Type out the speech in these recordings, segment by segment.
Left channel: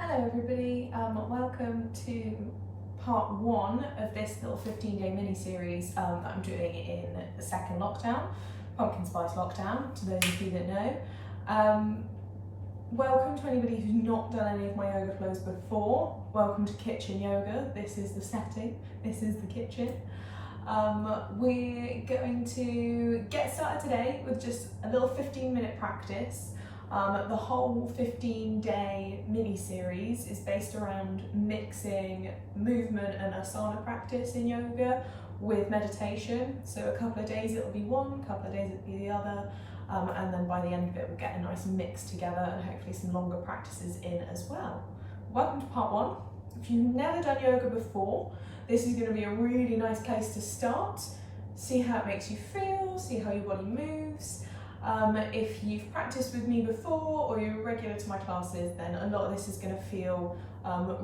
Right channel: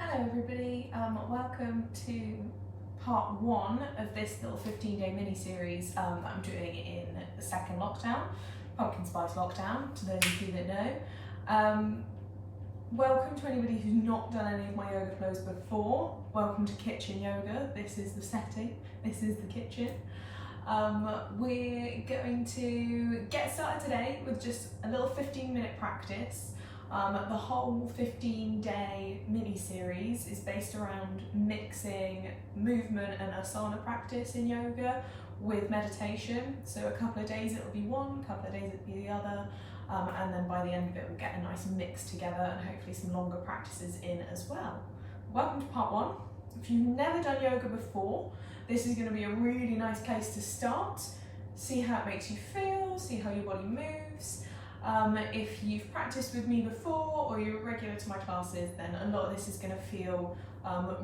Hello everybody, welcome to part one of this little 15-day mini-series that I'm doing in the second lockdown, pumpkin spice lockdown, to those of you that know. Welcome to anybody who's not done any of my yoga flows before. Welcome to kitchen yoga. This is the setting, this is the kitchen. We're going to get started today with just a little 15-minute practice. The whole 15-day mini-series is based around mixing movement and asana practice in yoga with meditation. So a couple of days it'll be one, a couple of days it'll be the other, and then by the end of it we'll get a nice mix together and hopefully some longer practices in as well. Welcome to part one. If you've never done yoga before, this is going to be a really nice place to start. See how it makes you feel, see how your body moves. If you've practiced with me before or you're regular to my classes, then a lot of this is going to feel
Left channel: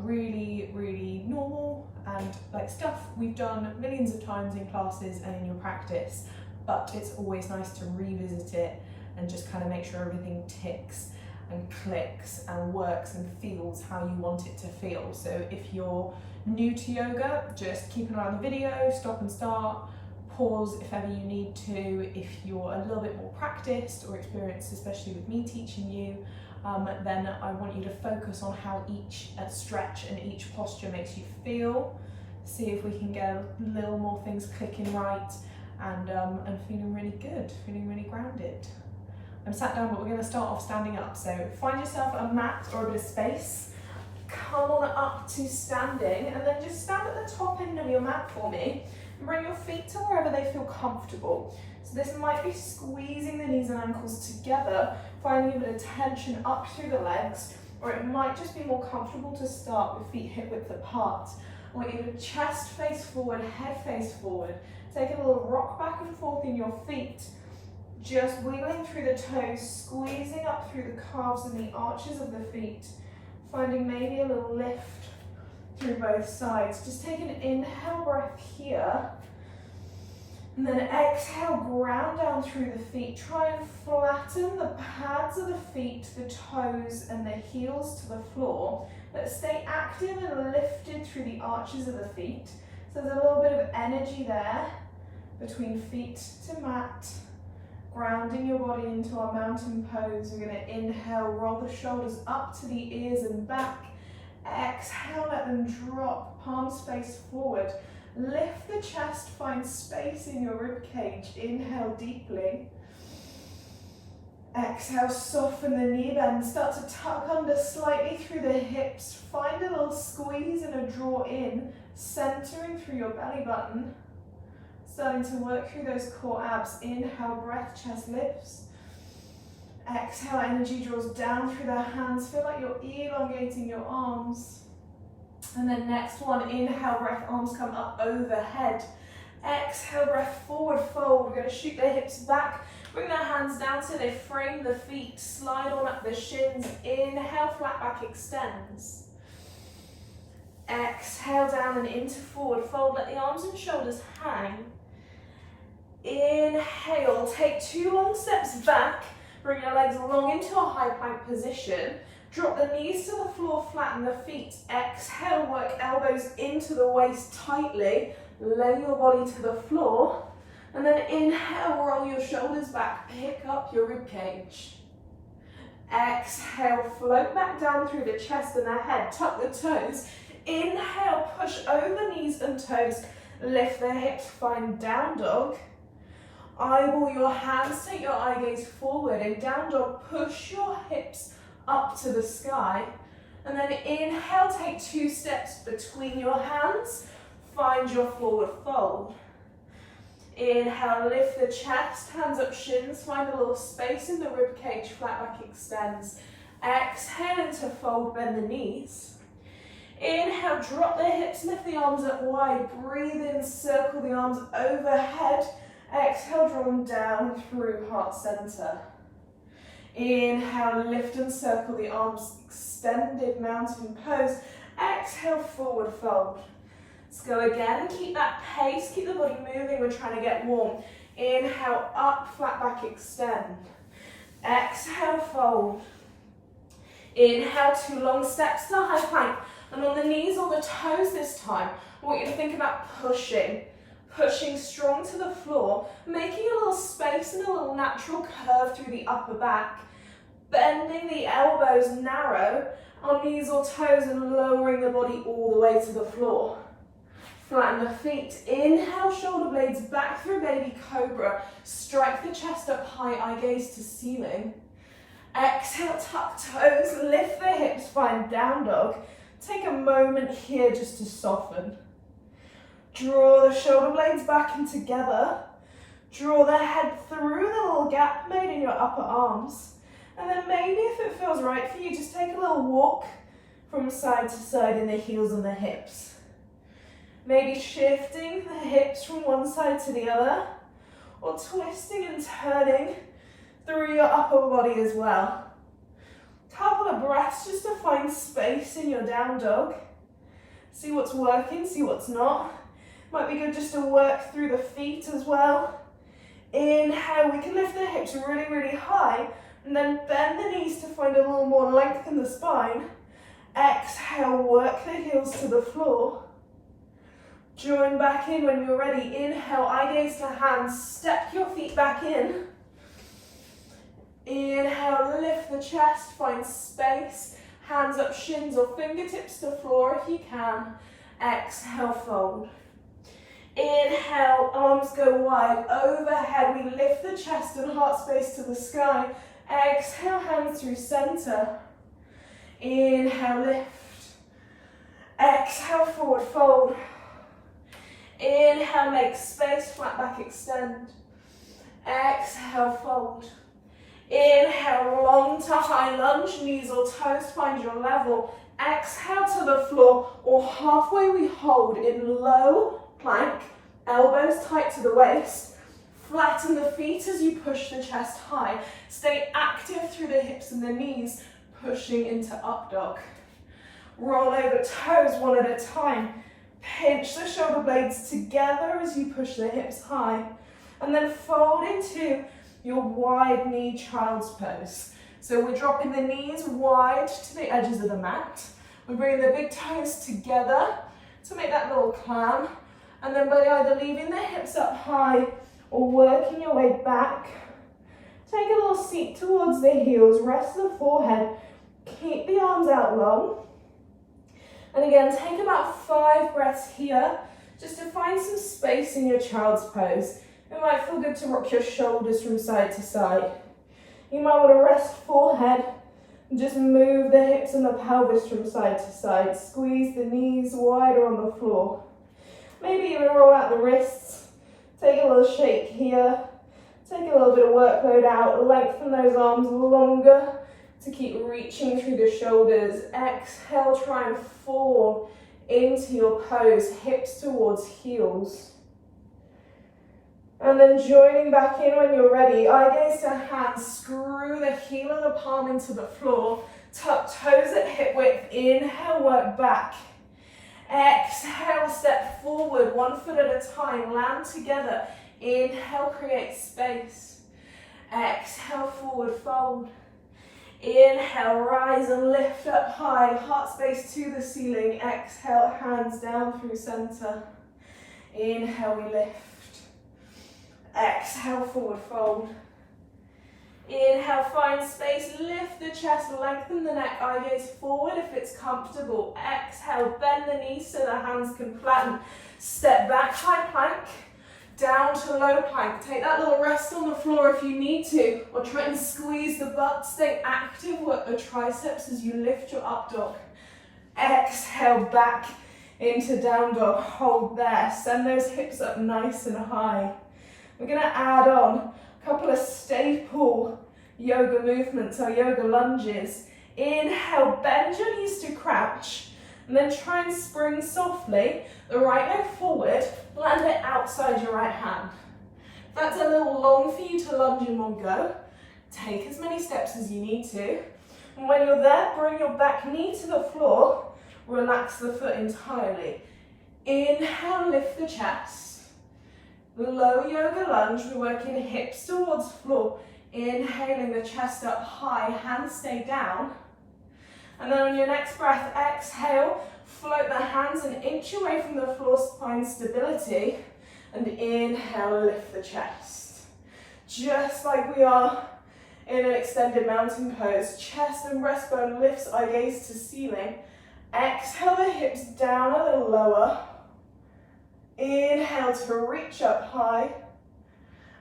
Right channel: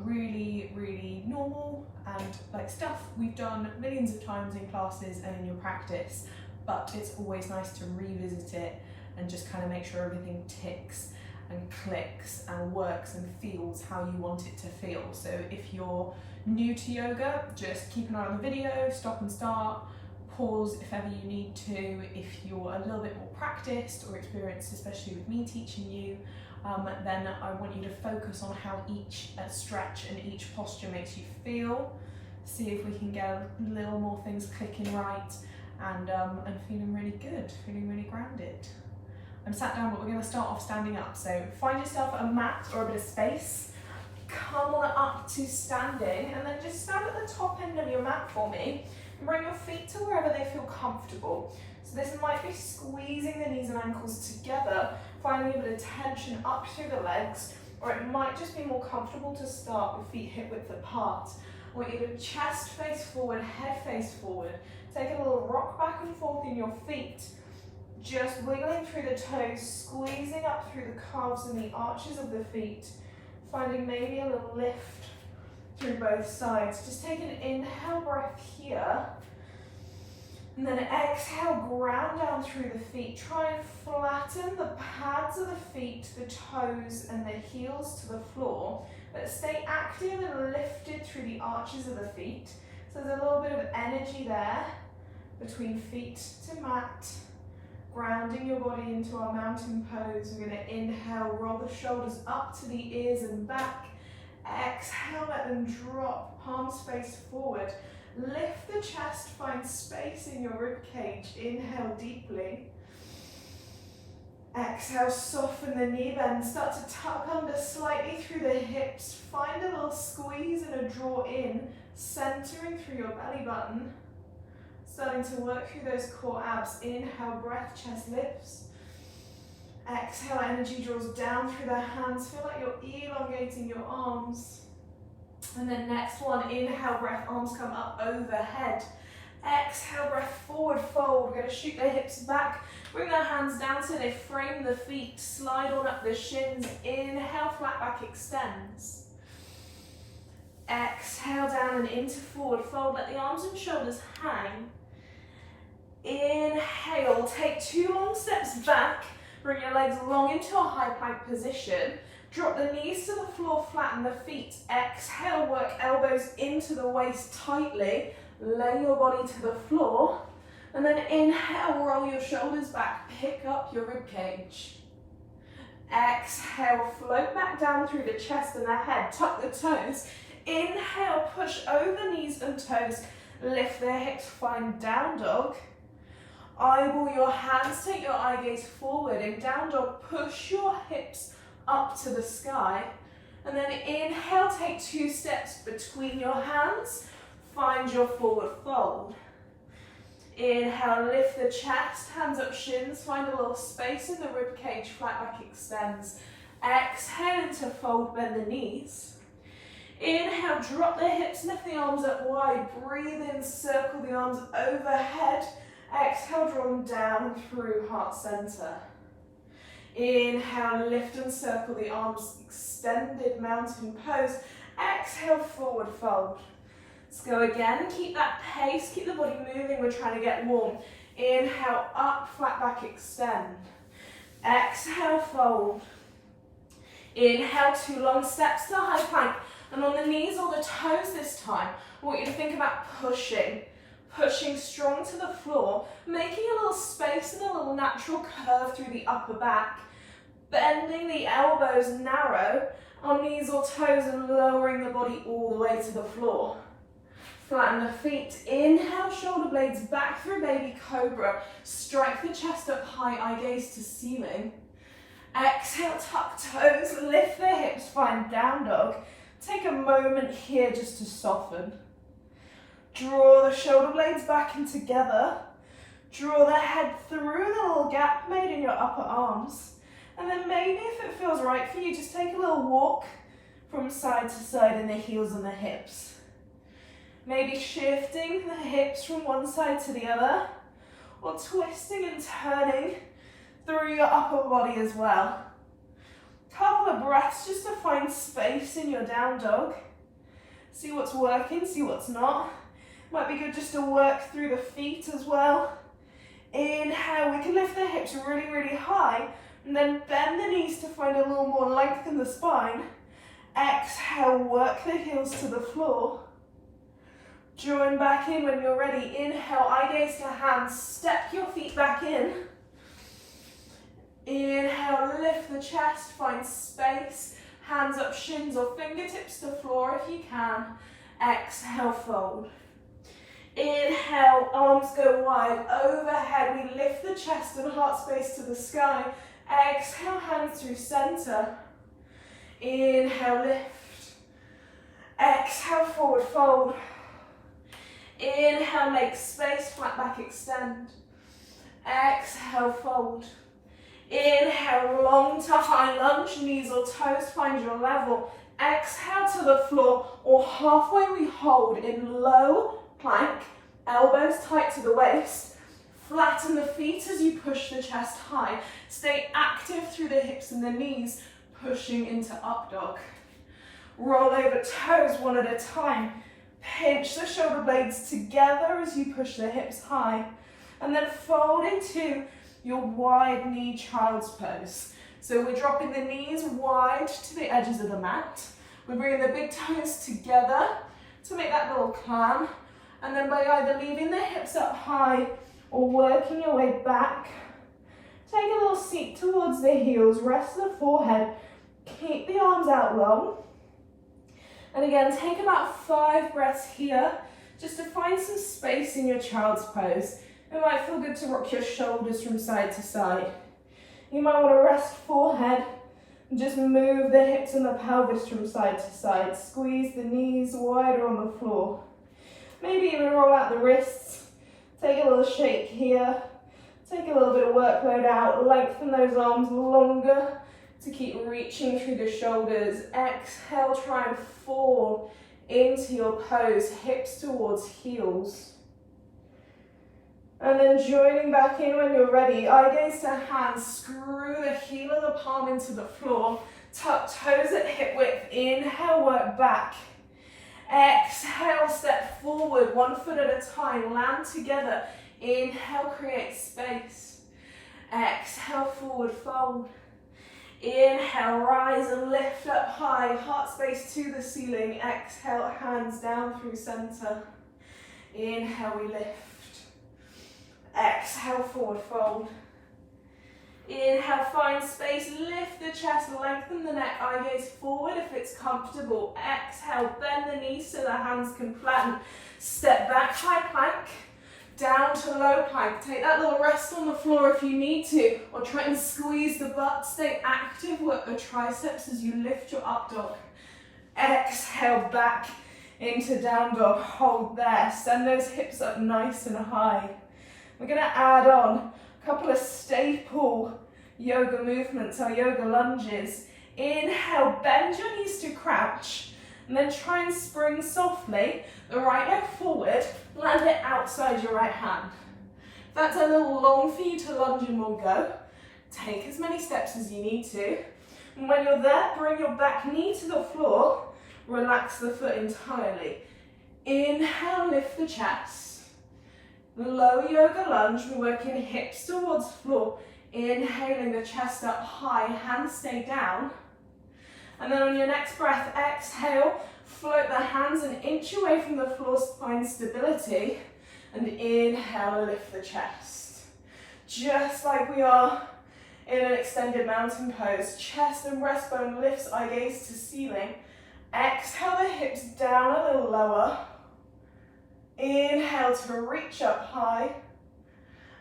really normal and like stuff we've done millions of times in classes and in your practice, but it's always nice to revisit it and just kind of make sure everything ticks and clicks and works and feels how you want it to feel. So if you're new to yoga, just keep an eye on the video, stop and start, pause if ever you need to. If you're a little bit more practiced or experienced, especially with me teaching you, then I want you to focus on how each stretch and each posture makes you feel. See if we can get a little more things clicking right and feeling really good, feeling really grounded. I'm sat down, but we're going to start off standing up. So find yourself a mat or a bit of space. Come on up to standing and then just stand at the top end of your mat for me. And bring your feet to wherever they feel comfortable. So this might be squeezing the knees and ankles together, finding a bit of tension up through the legs, or it might just be more comfortable to start with feet hip width apart. I want you to chest face forward, head face forward. Take a little rock back and forth in your feet, just wiggling through the toes, squeezing up through the calves and the arches of the feet, finding maybe a little lift through both sides. Just take an inhale breath here, and then exhale, ground down through the feet. Try and flatten the pads of the feet, the toes and the heels to the floor, but stay active and lifted through the arches of the feet. So there's a little bit of energy there between feet to mat, grounding your body into our mountain pose. We're going to inhale, roll the shoulders up to the ears and back. Exhale, let them drop, palms face forward. Lift the chest, find space in your rib cage. Inhale deeply. Exhale, soften the knee bend. Start to tuck under slightly through the hips. Find a little squeeze and a draw in, centering through your belly button. Starting to work through those core abs. Inhale, breath, chest lifts. Exhale, energy draws down through the hands. Feel like you're elongating your arms. And then next one, inhale, breath, arms come up overhead. Exhale, breath, forward fold. We're going to shoot the hips back. Bring the hands down so they frame the feet. Slide on up the shins. Inhale, flat back extends. Exhale, down and into forward fold. Let the arms and shoulders hang. Inhale, take 2 long steps back. Bring your legs long into a high plank position. Drop the knees to the floor, flatten the feet. Exhale, work elbows into the waist tightly. Lay your body to the floor. And then inhale, roll your shoulders back. Pick up your rib cage. Exhale, float back down through the chest and the head. Tuck the toes. Inhale, push over knees and toes. Lift the hips, find down dog. Eyeball your hands, take your eye gaze forward. In down dog, push your hips up to the sky. And then inhale, take 2 steps between your hands. Find your forward fold. Inhale, lift the chest, hands up shins. Find a little space in the rib cage, flat back extends. Exhale into fold, bend the knees. Inhale, drop the hips, lift the arms up wide. Breathe in, circle the arms overhead. Exhale, draw them down through heart center. Inhale, lift and circle the arms, extended mountain pose. Exhale, forward fold. Let's go again, keep that pace, keep the body moving, we're trying to get warm. Inhale, up, flat back, extend. Exhale, fold. Inhale, 2 long steps to high plank. And on the knees or the toes this time, I want you to think about pushing strong to the floor, making a little space and a little natural curve through the upper back, bending the elbows narrow on knees or toes and lowering the body all the way to the floor. Flatten the feet. Inhale, shoulder blades back through baby cobra. Strike the chest up high, eye gaze to ceiling. Exhale, tuck toes, lift the hips, find down dog. Take a moment here just to soften. Draw the shoulder blades back in together. Draw the head through the little gap made in your upper arms. And then maybe if it feels right for you, just take a little walk from side to side in the heels and the hips. Maybe shifting the hips from one side to the other, or twisting and turning through your upper body as well. Couple of breaths just to find space in your down dog. See what's working, see what's not. Might be good just to work through the feet as well. Inhale, we can lift the hips really, really high, and then bend the knees to find a little more length in the spine. Exhale, work the heels to the floor. Join back in when you're ready. Inhale, eye gaze to hands. Step your feet back in. Inhale, lift the chest, find space. Hands up, shins or fingertips to floor if you can. Exhale, fold. Inhale, arms go wide. Overhead, we lift the chest and heart space to the sky. Exhale, hands through center. Inhale, lift. Exhale, forward fold. Inhale, make space, flat back extend. Exhale, fold. Inhale, long to high lunge, knees or toes find your level. Exhale to the floor, or halfway we hold in low plank, elbows tight to the waist. Flatten the feet as you push the chest high. Stay active through the hips and the knees, pushing into up dog. Roll over toes one at a time. Pinch the shoulder blades together as you push the hips high. And then fold into your wide knee child's pose. So we're dropping the knees wide to the edges of the mat. We're bringing the big toes together to make that little clam. And then by either leaving the hips up high or working your way back, take a little seat towards the heels, rest the forehead, keep the arms out long. And again, take about 5 breaths here, just to find some space in your child's pose. It might feel good to rock your shoulders from side to side. You might want to rest forehead and just move the hips and the pelvis from side to side. Squeeze the knees wider on the floor. Maybe even roll out the wrists. Take a little shake here. Take a little bit of workload out. Lengthen those arms longer to keep reaching through the shoulders. Exhale, try and fall into your pose, hips towards heels. And then joining back in when you're ready, eye gaze to hands, screw the heel of the palm into the floor, tuck toes at hip width, inhale, work back. Exhale, step forward, 1 foot at a time, land together. Inhale, create space. Exhale, forward fold. Inhale, rise and lift up high, heart space to the ceiling. Exhale, hands down through center. Inhale, we lift. Exhale, forward fold. Inhale, find space, lift the chest, lengthen the neck, eye gaze forward if it's comfortable. Exhale, bend the knees so the hands can flatten. Step back, high plank, down to low plank. Take that little rest on the floor if you need to, or try and squeeze the butt. Stay active, work the triceps as you lift your up dog. Exhale, back into down dog, hold there. Send those hips up nice and high. We're gonna add on a couple of staple yoga movements, or yoga lunges. Inhale, bend your knees to crouch, and then try and spring softly. The right leg forward, land it outside your right hand. If that's a little long for you to lunge in one go, take as many steps as you need to. And when you're there, bring your back knee to the floor, relax the foot entirely. Inhale, lift the chest. Low yoga lunge, we're working hips towards floor. Inhaling the chest up high, hands stay down. And then on your next breath, exhale, float the hands an inch away from the floor, find stability. And inhale, lift the chest. Just like we are in an extended mountain pose. Chest and breastbone lifts, eye gaze to ceiling. Exhale the hips down a little lower. Inhale to reach up high.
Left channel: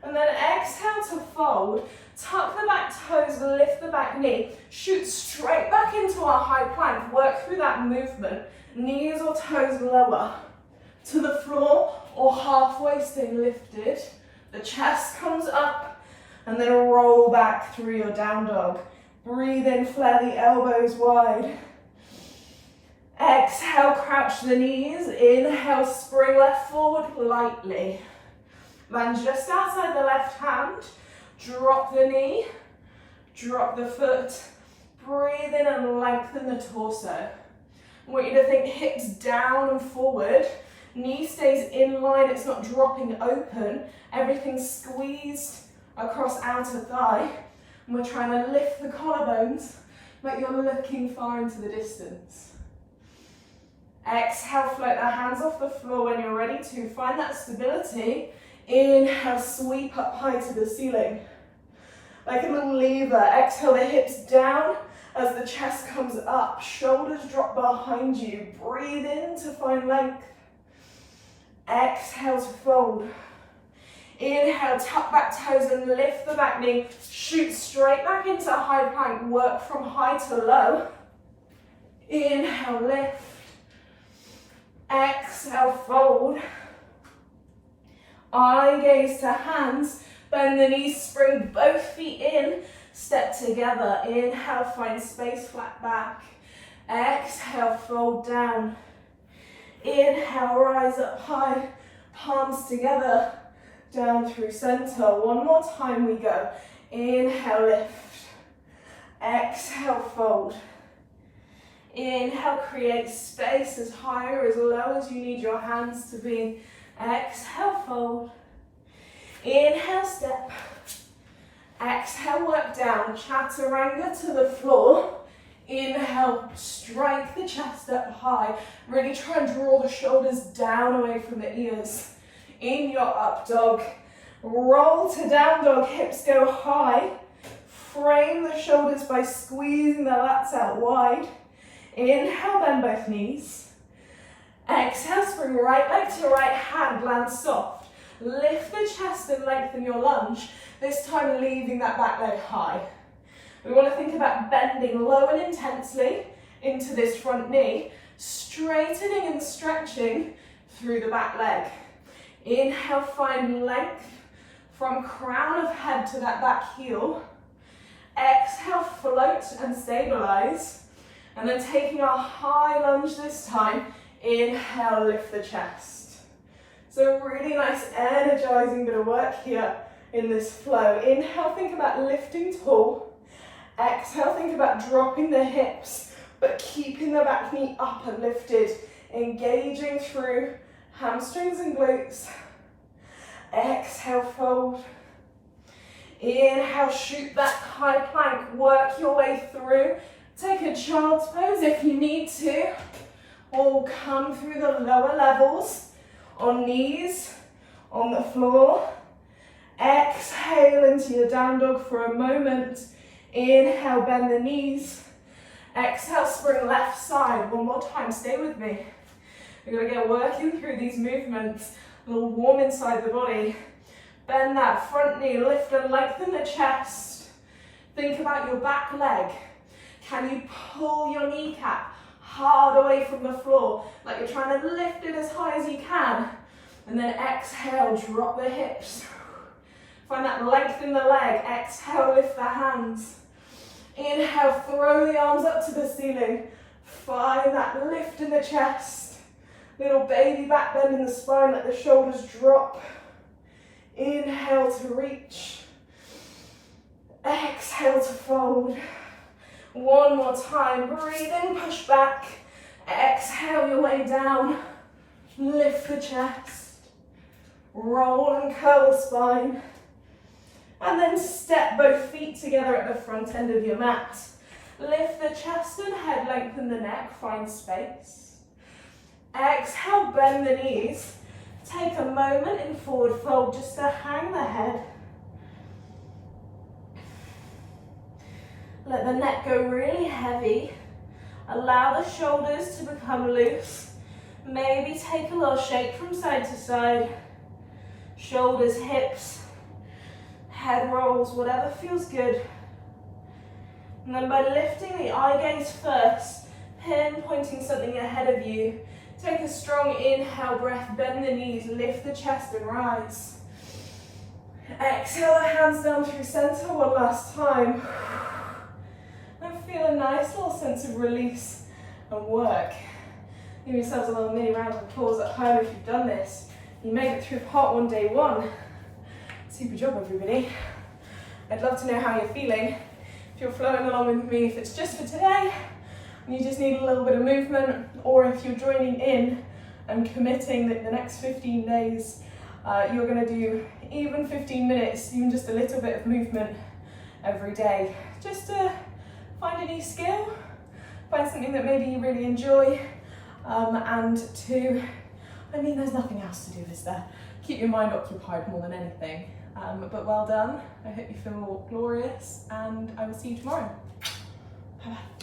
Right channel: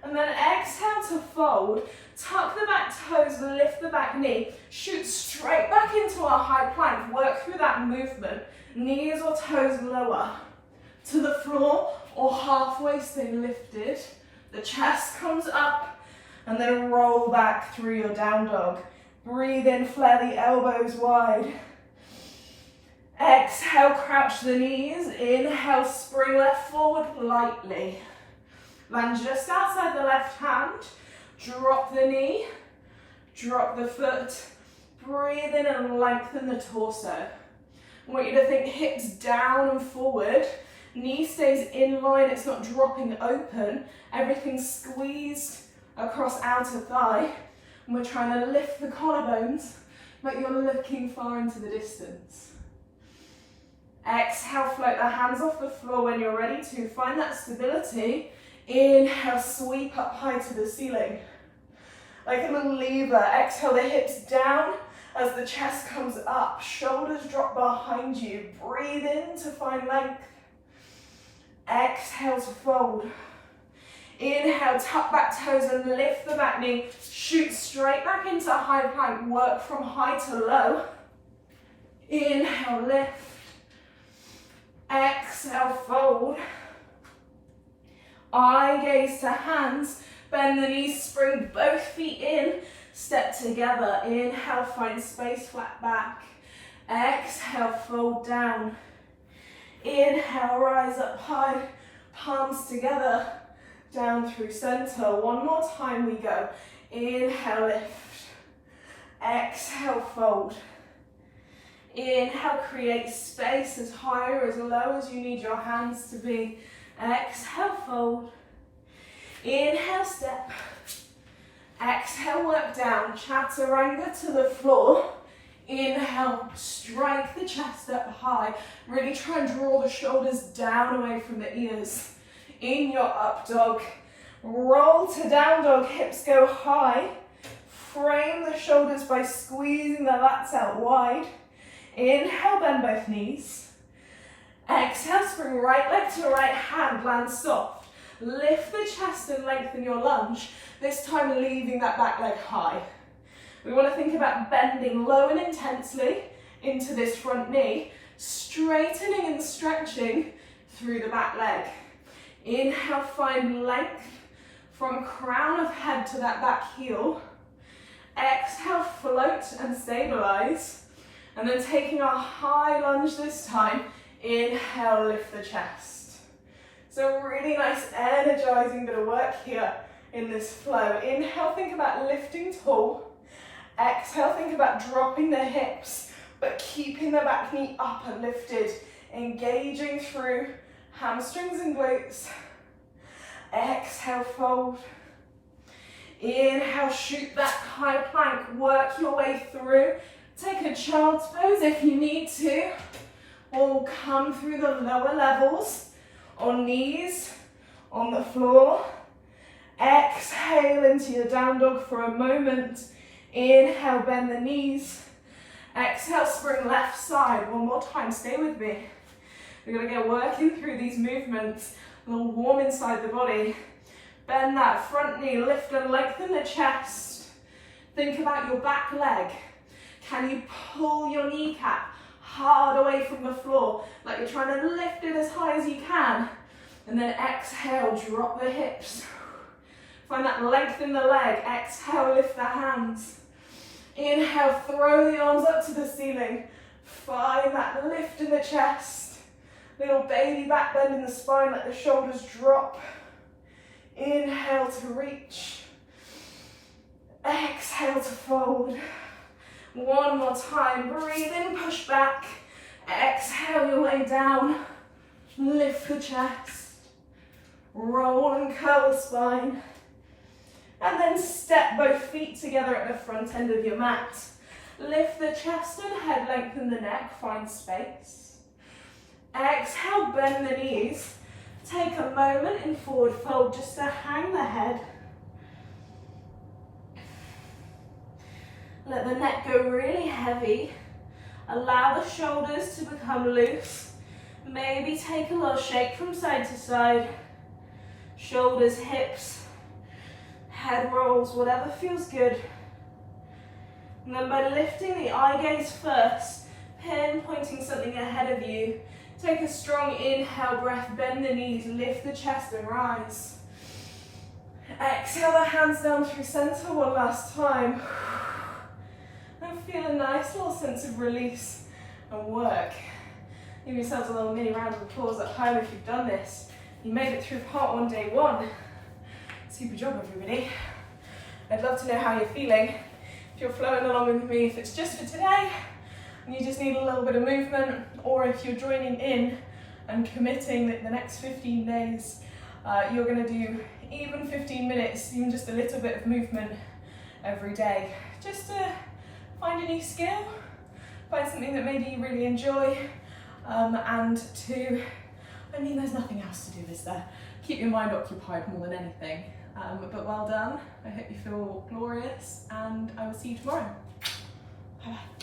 And then exhale to fold. Tuck the back toes, lift the back knee. Shoot straight back into our high plank. Work through that movement. Knees or toes lower to the floor or halfway, stay lifted. The chest comes up and then roll back through your down dog. Breathe in, flare the elbows wide. Exhale, crouch the knees. Inhale, spring left forward lightly. Land just outside the left hand. Drop the knee, drop the foot. Breathe in and lengthen the torso. I want you to think hips down and forward. Knee stays in line, it's not dropping open. Everything's squeezed across outer thigh. And we're trying to lift the collarbones, but you're looking far into the distance. Exhale, float the hands off the floor when you're ready to. Find that stability. Inhale, sweep up high to the ceiling. Like a little lever. Exhale the hips down as the chest comes up. Shoulders drop behind you. Breathe in to find length. Exhale to fold. Inhale, tuck back toes and lift the back knee. Shoot straight back into high plank. Work from high to low. Inhale, lift. Exhale, fold. Eye gaze to hands. Bend the knees, spring both feet in. Step together. Inhale, find space, flat back. Exhale, fold down. Inhale, rise up high. Palms together. Down through center. One more time we go. Inhale, lift. Exhale, fold. Inhale, create space as high or as low as you need your hands to be. Exhale, fold. Inhale, step. Exhale, work down. Chaturanga to the floor. Inhale, strike the chest up high. Really try and draw the shoulders down away from the ears. In your up dog. Roll to down dog, hips go high. Frame the shoulders by squeezing the lats out wide. Inhale, bend both knees. Exhale, spring right leg to right hand, land soft. Lift the chest and lengthen your lunge, this time leaving that back leg high. We want to think about bending low and intensely into this front knee, straightening and stretching through the back leg. Inhale, find length from crown of head to that back heel. Exhale, float and stabilize. And then taking our high lunge this time, inhale, lift the chest. So really nice energizing bit of work here in this flow. Inhale, think about lifting tall. Exhale, think about dropping the hips, but keeping the back knee up and lifted, engaging through hamstrings and glutes. Exhale, fold. Inhale, shoot that high plank, work your way through. Take a child's pose if you need to, or come through the lower levels on knees, on the floor. Exhale into your down dog for a moment. Inhale, bend the knees. Exhale, spring left side. One more time, stay with me. We're gonna get working through these movements, a little warm inside the body. Bend that front knee, lift and lengthen the chest. Think about your back leg. Can you pull your kneecap hard away from the floor, like you're trying to lift it as high as you can? And then exhale, drop the hips. Find that length in the leg. Exhale, lift the hands. Inhale, throw the arms up to the ceiling. Find that lift in the chest. Little baby back bend in the spine, let the shoulders drop. Inhale to reach. Exhale to fold. One more time, breathe in, push back. Exhale your way down. Lift the chest. Roll and curl the spine. And then step both feet together at the front end of your mat. Lift the chest and head, lengthen the neck, find space. Exhale, bend the knees. Take a moment in forward fold just to hang the head. Let the neck go really heavy. Allow the shoulders to become loose. Maybe take a little shake from side to side. Shoulders, hips, head rolls, whatever feels good. And then by lifting the eye gaze first, pinpointing something ahead of you, take a strong inhale breath, bend the knees, lift the chest and rise. Exhale the hands down through center one last time. And feel a nice little sense of release and work. Give yourselves a little mini round of applause at home if you've done this. You made it through part 1, day 1. Super job, everybody. I'd love to know how you're feeling. If you're flowing along with me, if it's just for today and you just need a little bit of movement, or if you're joining in and committing that the next 15 days, you're going to do even 15 minutes, even just a little bit of movement every day, just to find a new skill, find something that maybe you really enjoy, and to, there's nothing else to do, is there? Keep your mind occupied more than anything. But well done. I hope you feel glorious, and I will see you tomorrow. Bye-bye.